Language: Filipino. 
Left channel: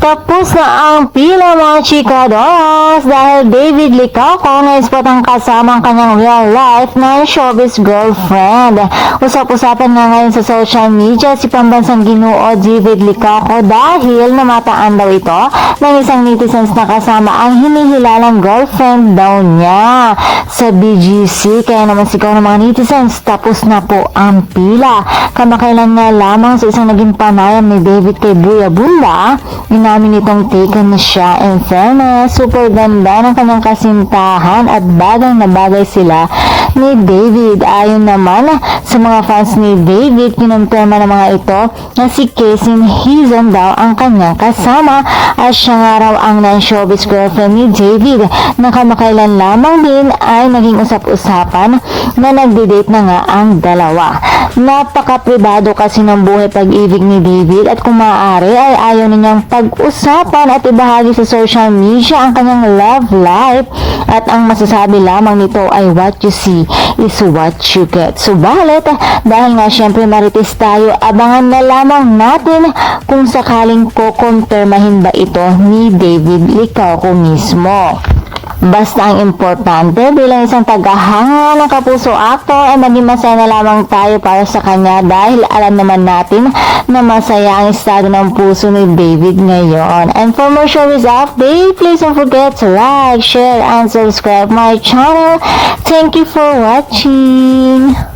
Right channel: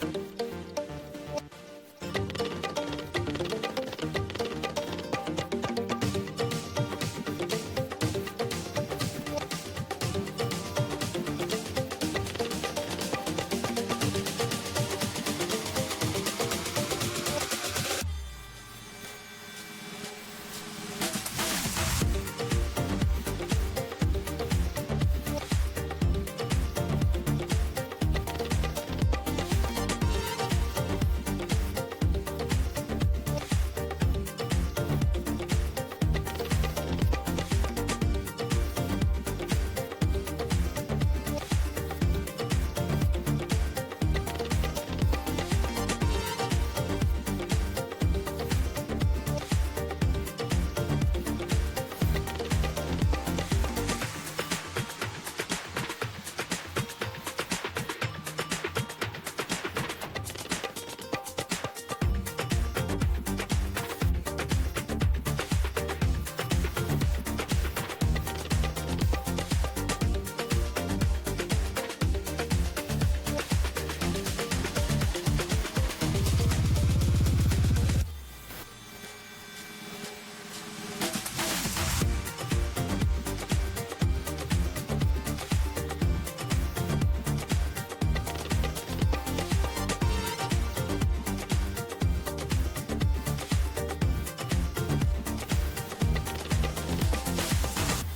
Tapos na ang pila mga chikadoras dahil David Licauco na spot ang kasama ang kanyang real life na showbiz girlfriend. Usap-usapan nga ngayon sa social media si pambansang ginoo David Licauco dahil namataan daw ito ng isang netizens na kasama ang hinihilalang girlfriend daw niya sa BGC. Kaya naman sigaw ng mga netizens, tapos na po ang pila. Kamakailan nga lamang sa isang naging panayam ni David kay Buya Bunda, inamin itong taken na siya. In fairness, super ganda ng kanyang kasintahan at bagay na bagay sila ni David. Ayon naman sa mga fans ni David, kinumpirma ng mga ito na si Casey Hizon daw ang kanyang kasama at siya nga raw ang non-showbiz girlfriend ni David na kamakailan lamang din ay naging usap-usapan na nagde-date na nga ang dalawa. Napaka-pribado kasi ng buhay pag-ibig ni David at kung maaari ay ayaw ninyang pag-usapan at ibahagi sa social media ang kanyang love life at ang masasabi lamang nito ay what you see is what you get. Subalit, dahil nga syempre marites tayo, abangan na lamang natin kung sakaling kukumpirmahin ba ito ni David Licauco mismo. Basta ang importante bilang isang tagahanga ng Kapuso actor ay maging masaya na lamang tayo para sa kanya dahil alam naman natin na masaya ang estado ng puso ni David ngayon. And for more showbiz update, please don't forget to like, share, and subscribe my channel. Thank you for watching.